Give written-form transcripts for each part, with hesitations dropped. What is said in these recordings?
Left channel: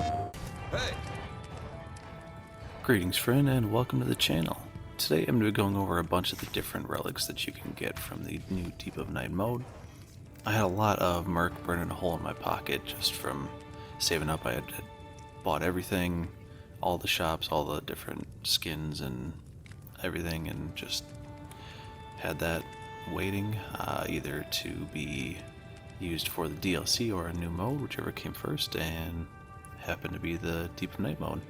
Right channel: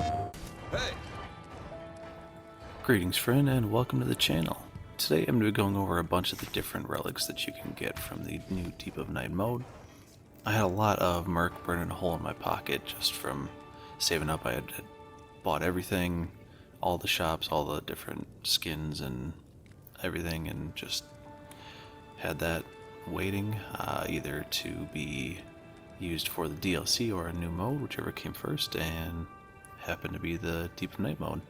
Hey! Greetings friend and welcome to the channel. Today I'm going to be going over a bunch of the different relics that you can get from the new Deep of Night mode. I had a lot of Merc burning a hole in my pocket just from saving up. I had bought everything, all the shops, all the different skins and everything, and just had that waiting either to be used for the DLC or a new mode, whichever came first, and happened to be the Deep of Night mode.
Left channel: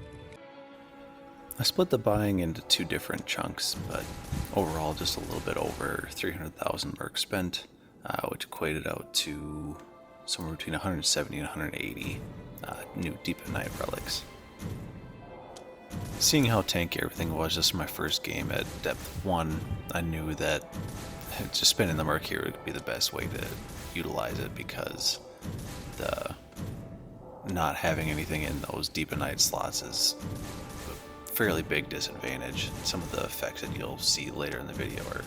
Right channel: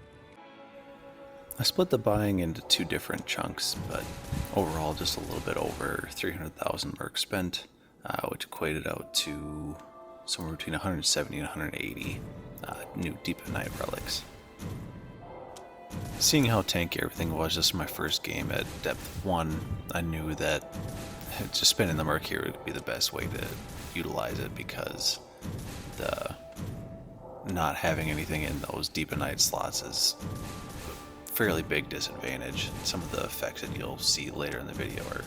I split the buying into two different chunks, but overall just a little bit over 300,000 merc spent, which equated out to somewhere between 170 and 180 new Deep of Night relics. Seeing how tanky everything was just in my first game at depth 1, I knew that just spending the merc here would be the best way to utilize it, because the not having anything in those Deep of Night slots is fairly big disadvantage. Some of the effects that you'll see later in the video are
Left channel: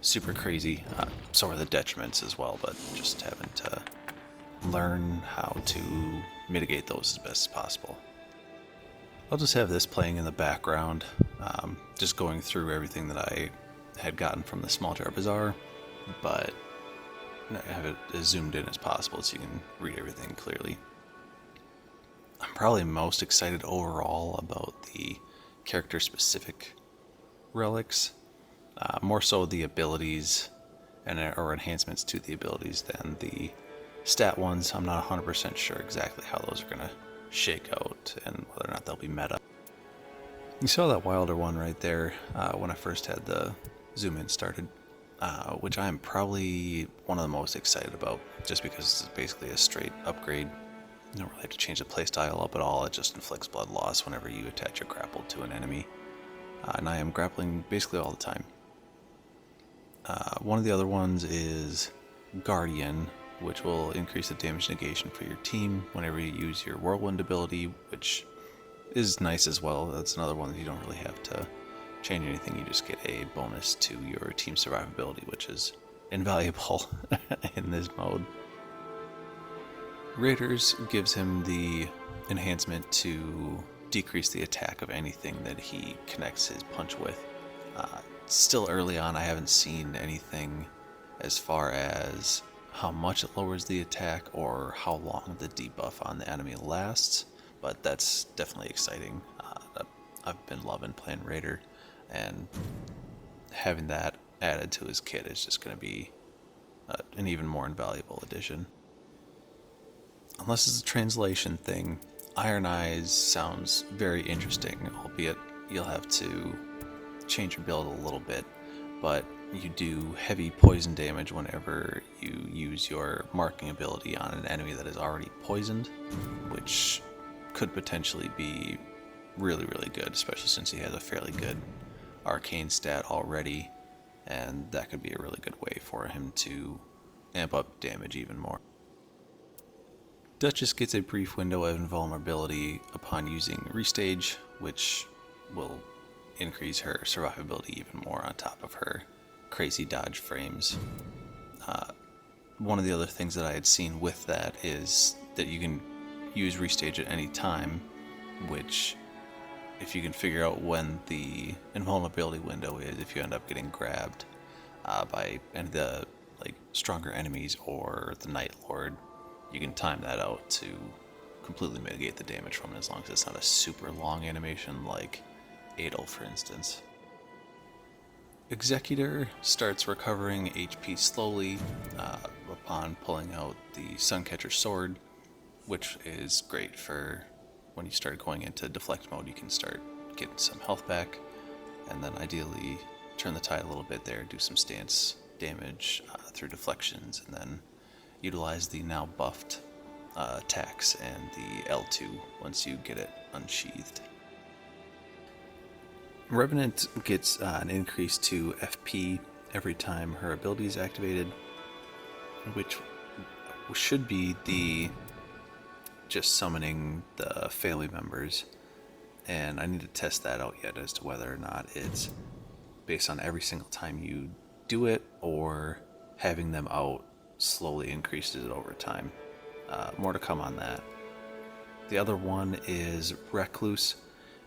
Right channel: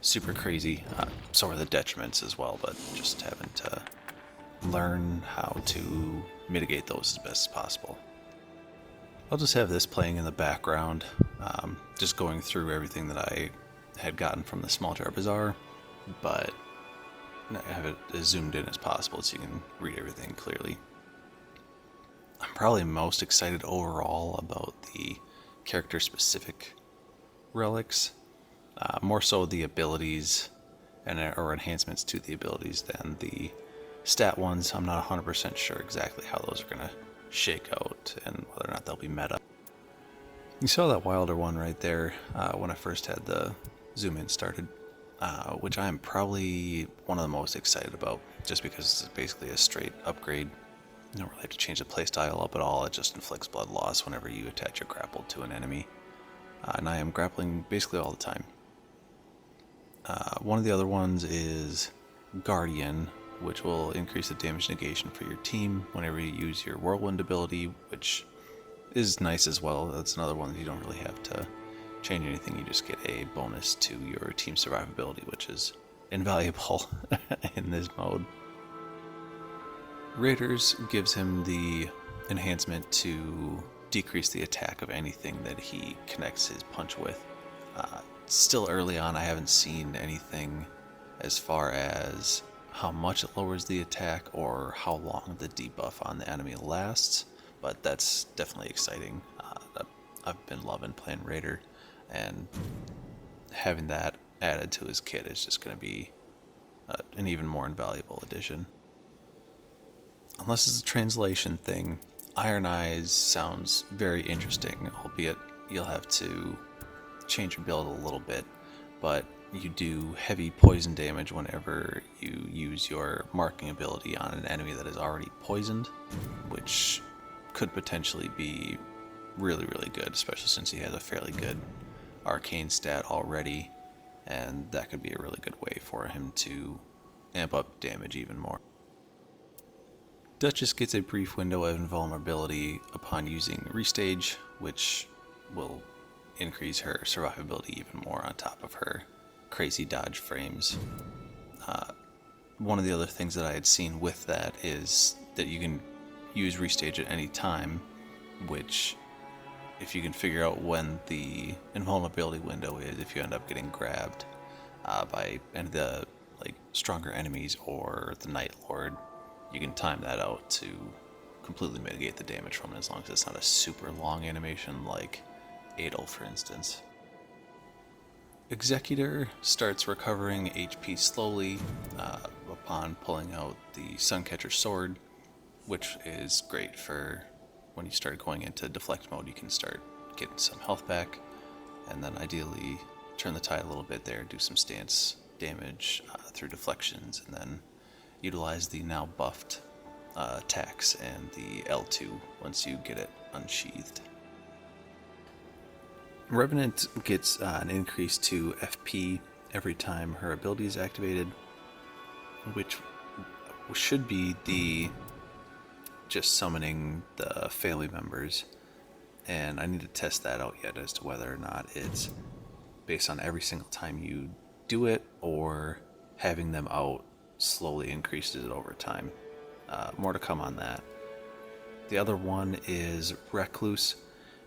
super crazy. So are the detriments as well, but just having to learn how to mitigate those as best as possible. I'll just have this playing in the background, just going through everything that I had gotten from the Small Jar Bazaar, but I have it as zoomed in as possible so you can read everything clearly. I'm probably most excited overall about the character-specific relics, more so the abilities or enhancements to the abilities than the stat ones. I'm not 100% sure exactly how those are going to shake out and whether or not they'll be meta. You saw that Wilder one right there when I first had the zoom in started, which I am probably one of the most excited about, just because it's basically a straight upgrade. You don't really have to change the playstyle up at all. It just inflicts blood loss whenever you attach a grapple to an enemy. And I am grappling basically all the time. One of the other ones is Guardian, which will increase the damage negation for your team whenever you use your Whirlwind ability, which is nice as well. That's another one that you don't really have to change anything. You just get a bonus to your team survivability, which is invaluable in this mode. Raiders gives him the enhancement to decrease the attack of anything that he connects his punch with. Still early on, I haven't seen anything as far as how much it lowers the attack or how long the debuff on the enemy lasts, but that's definitely exciting. I've been loving playing Raider, and having that added to his kit is just going to be an even more invaluable addition. Unless it's a translation thing, Iron Eyes sounds very interesting, albeit you'll have to change your build a little bit, but you do heavy poison damage whenever you use your marking ability on an enemy that is already poisoned, which could potentially be really, really good, especially since he has a fairly good arcane stat already, and that could be a really good way for him to amp up damage even more. Duchess gets a brief window of invulnerability upon using Restage, which will increase her survivability even more on top of her crazy dodge frames. One of the other things that I had seen with that is that you can use Restage at any time, which, if you can figure out when the invulnerability window is, if you end up getting grabbed by any of the stronger enemies or the Night Lord, you can time that out to completely mitigate the damage from it, as long as it's not a super long animation like Adel, for instance. Executor starts recovering HP slowly upon pulling out the Suncatcher sword, which is great for when you start going into deflect mode. You can start getting some health back, and then ideally turn the tide a little bit there, do some stance damage through deflections, and then utilize the now buffed attacks and the L2 once you get it unsheathed. Revenant gets an increase to FP every time her ability is activated, which should be the just summoning the family members, and I need to test that out yet as to whether or not it's based on every single time you do it, or having them out slowly increases it over time. More to come on that. The other one is Recluse,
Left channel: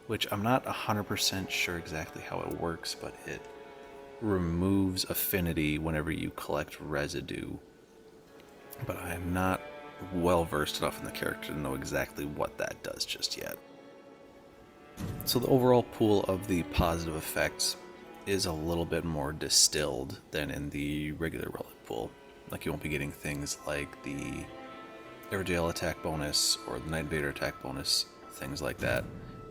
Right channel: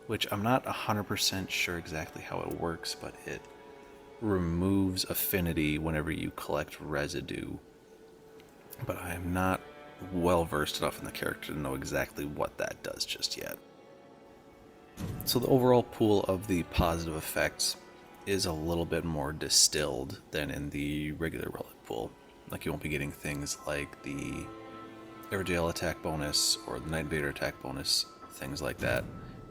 which I'm not 100% sure exactly how it works, but it removes affinity whenever you collect residue. But I am not well versed enough in the character to know exactly what that does just yet. So the overall pool of the positive effects is a little bit more distilled than in the regular relic pool. Like, you won't be getting things like the Everdale attack bonus or the Night Invader attack bonus, things like that.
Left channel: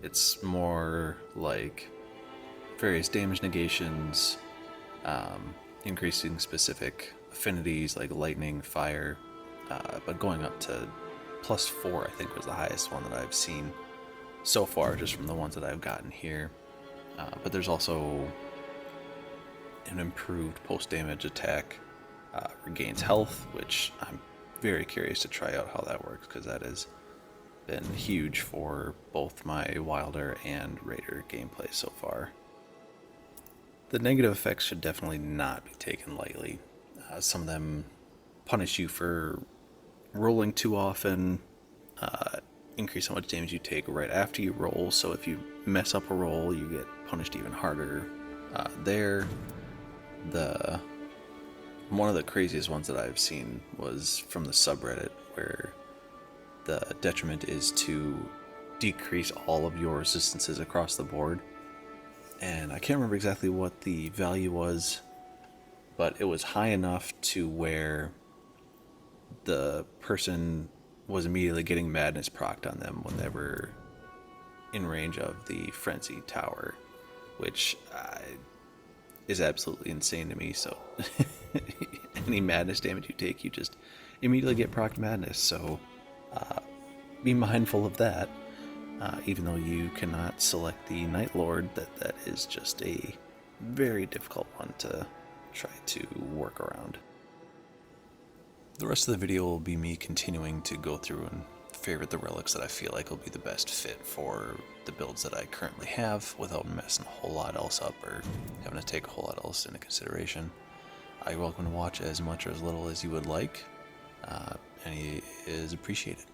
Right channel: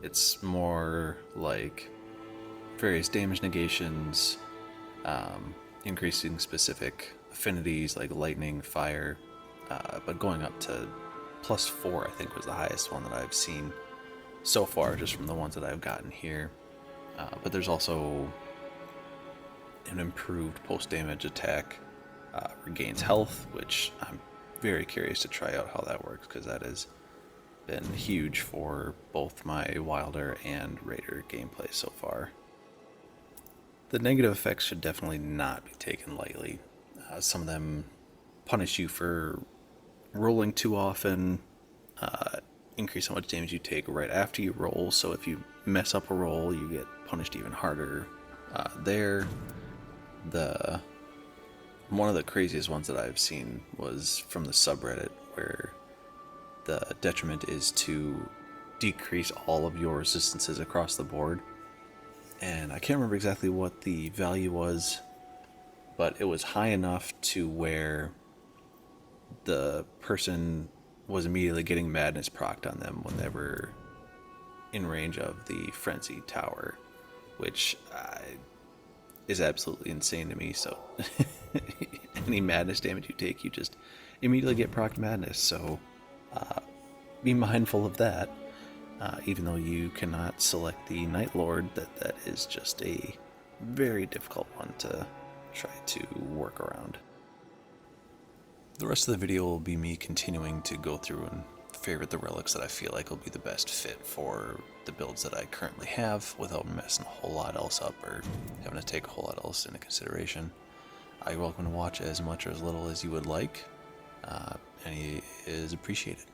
It's more like various damage negations, increasing specific affinities like lightning, fire, but going up to +4, I think, was the highest one that I've seen so far, just from the ones that I've gotten here. But there's also an improved post-damage attack, regains health, which I'm very curious to try out how that works, because that has been huge for both my Wilder and Raider gameplay so far. The negative effects should definitely not be taken lightly. Some of them punish you for rolling too often, increase how much damage you take right after you roll, so if you mess up a roll, you get punished even harder there. One of the craziest ones that I've seen was from the subreddit, where the detriment is to decrease all of your resistances across the board. And I can't remember exactly what the value was, but it was high enough to where the person was immediately getting madness procced on them when they were in range of the frenzy tower, which is absolutely insane to me. So any madness damage you take, you just immediately get procced madness, so be mindful of that. Even though you cannot select the Night Lord, that is just a very difficult one to try to work around. The rest of the video will be me continuing to go through and favorite the relics that I feel like will be the best fit for the builds that I currently have, without messing a whole lot else up or having to take a whole lot else into consideration. You're welcome to watch as much or as little as you would like. Any is appreciated.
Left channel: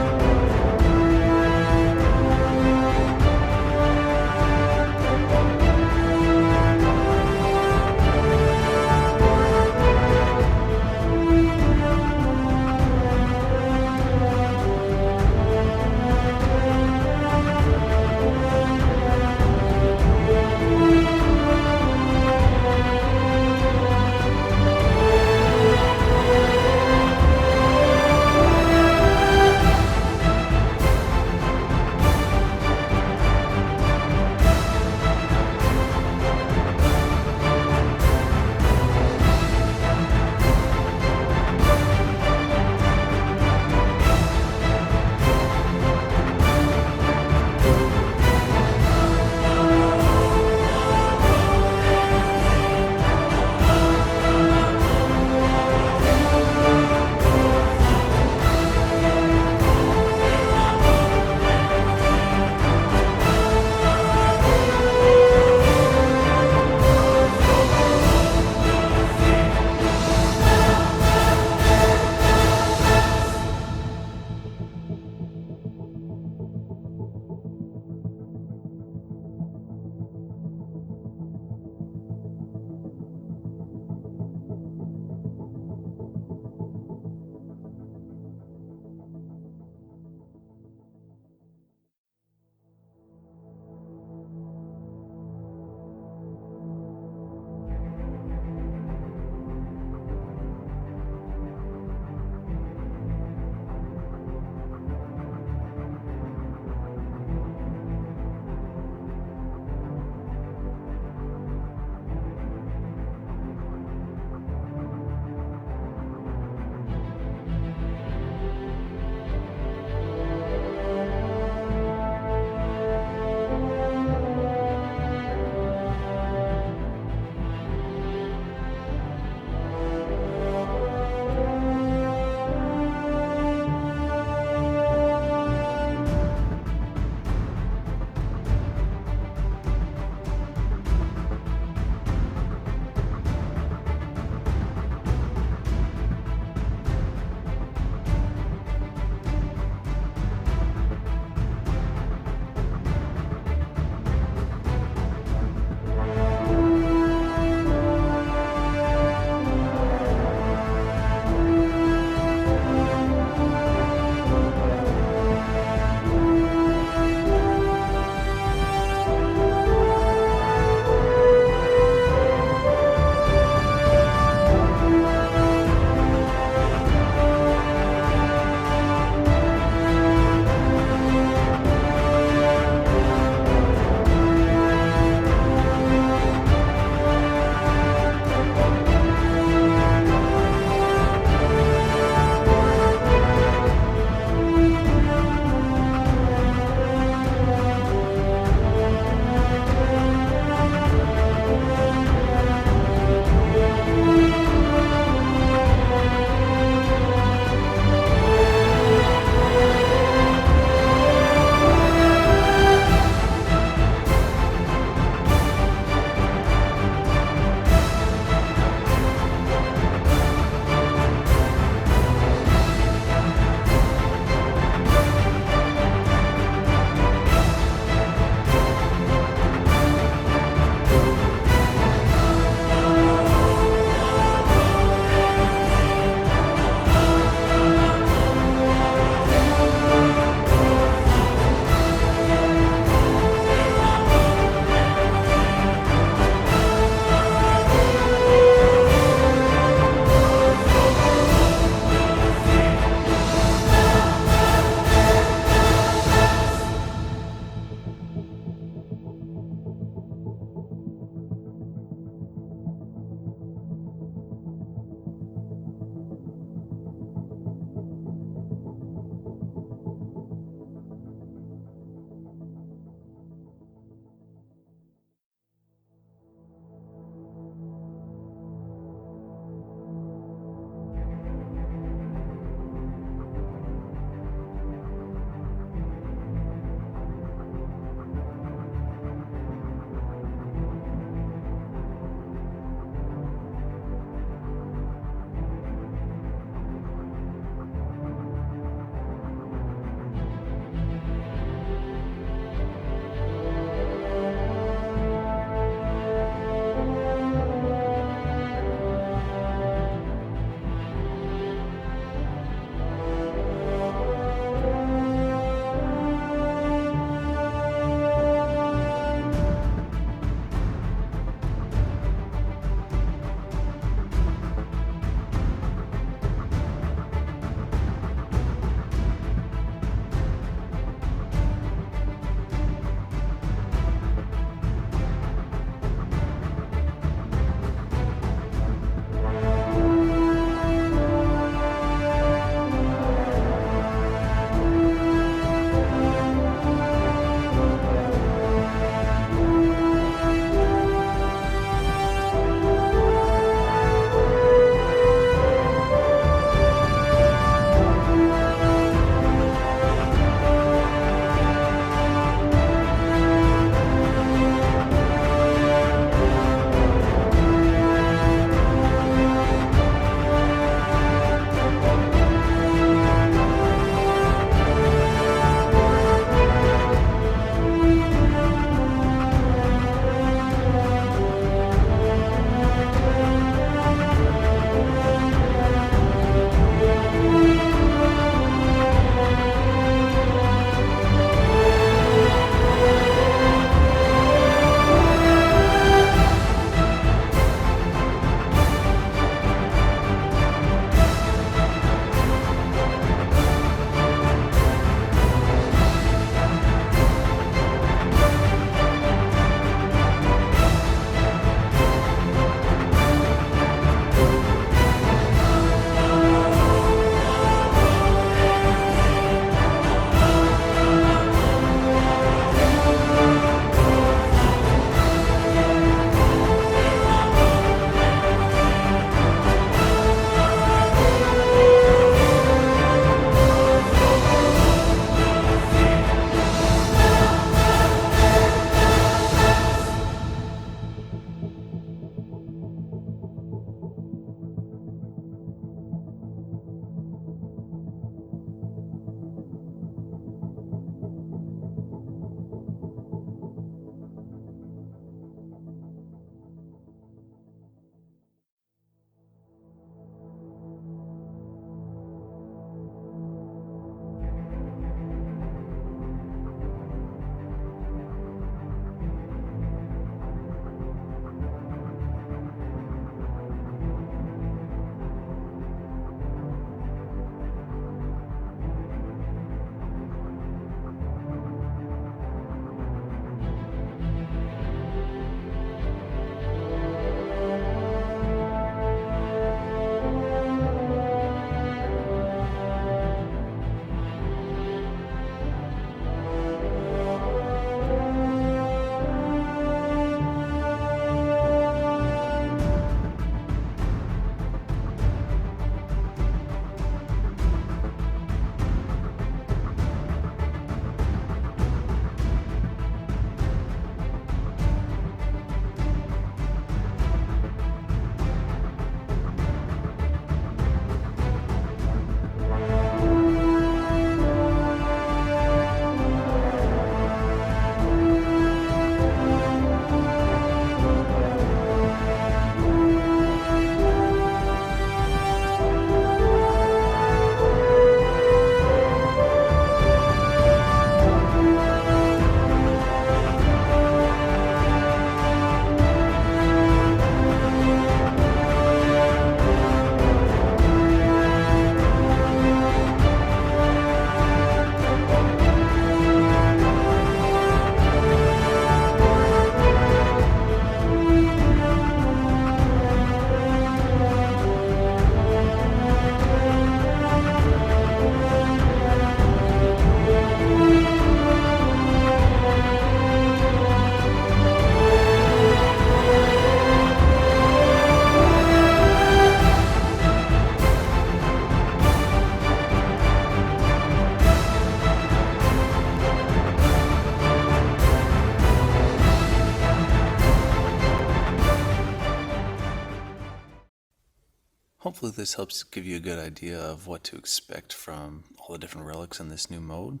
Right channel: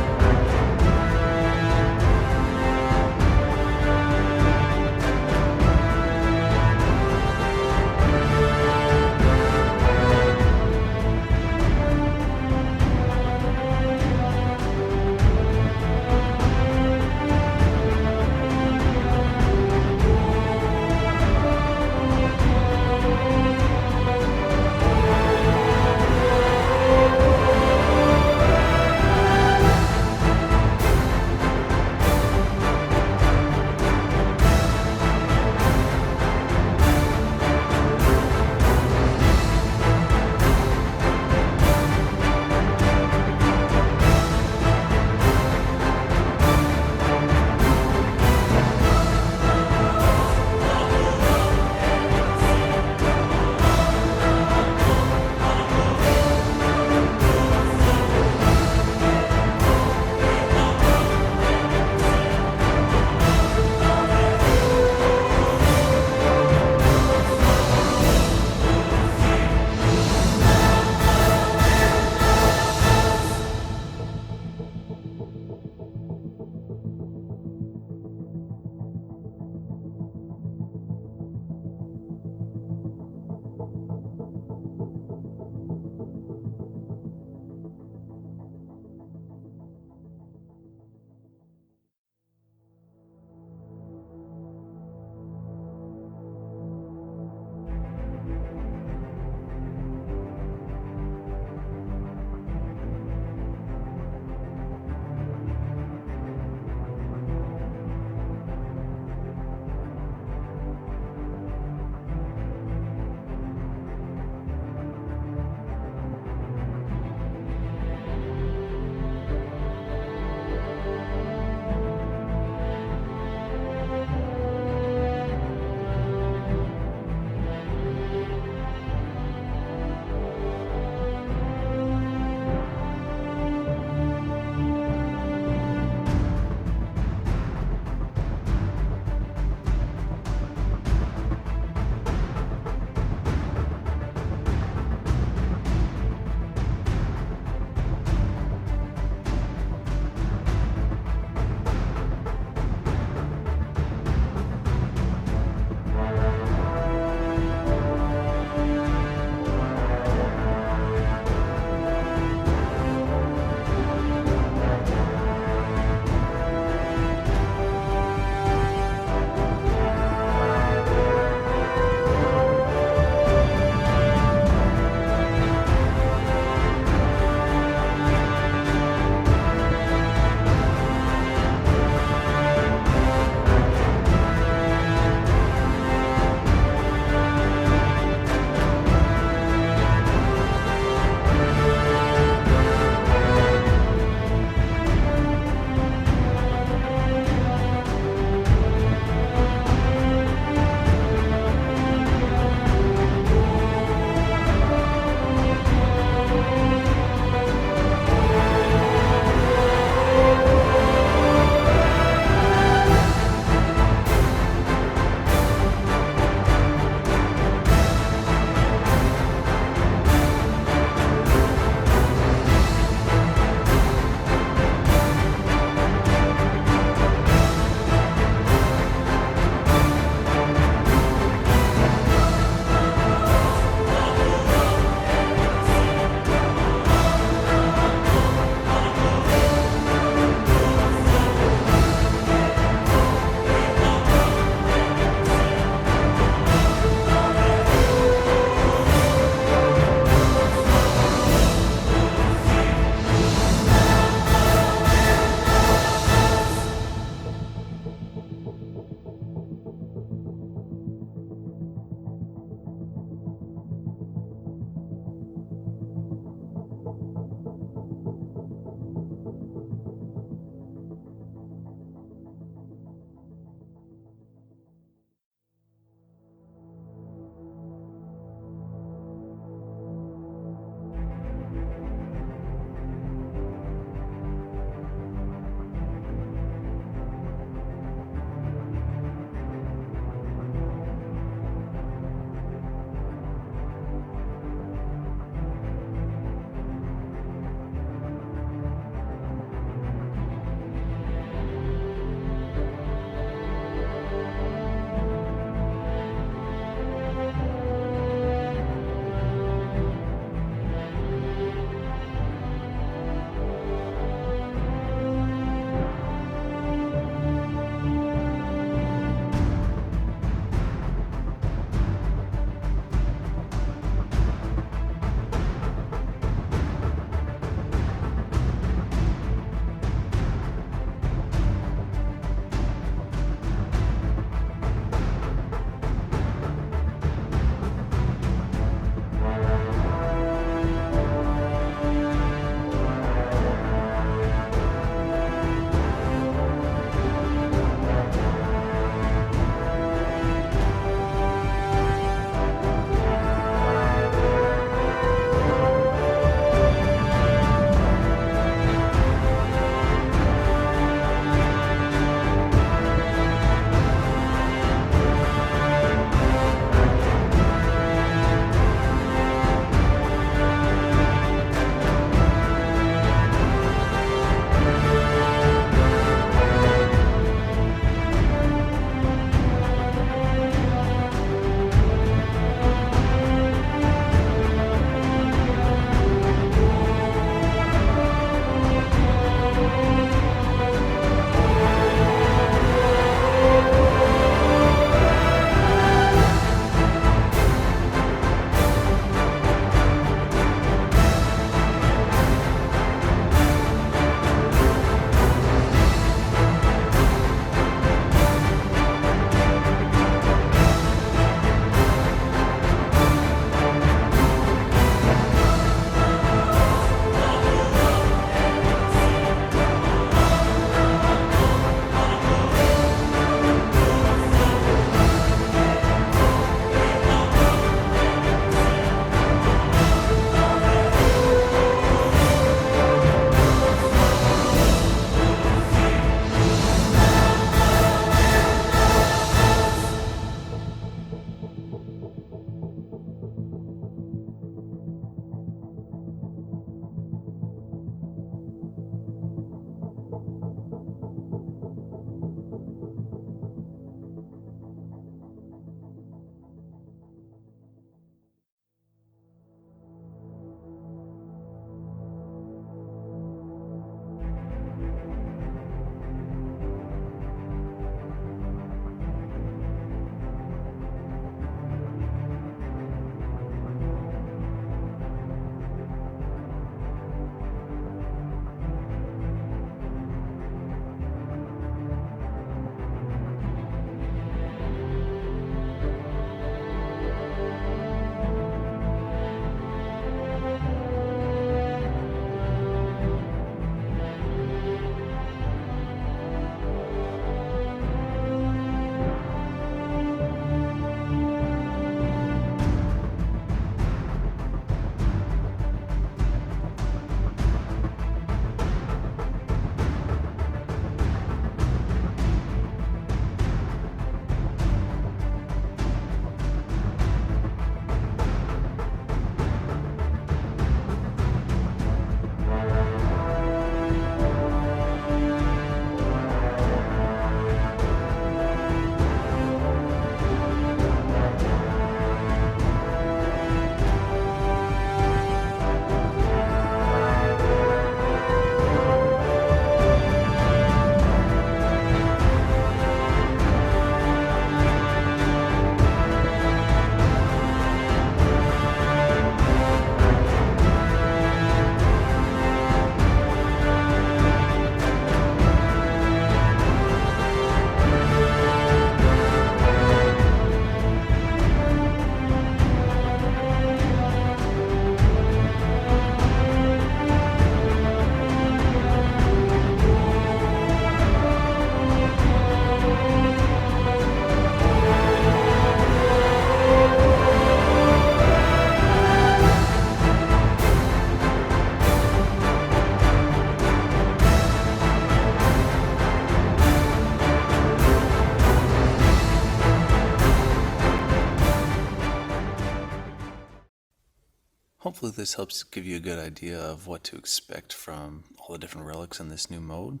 hopefully this helps give you a good idea of what to expect from all the different relics in this new mode.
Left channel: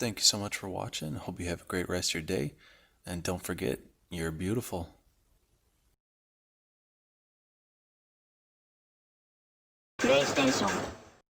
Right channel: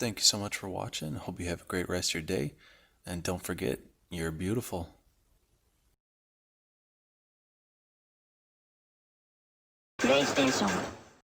Thank you so much for watching. Hope you have a great rest of your day. And don't forget, you're beautiful. PlayStation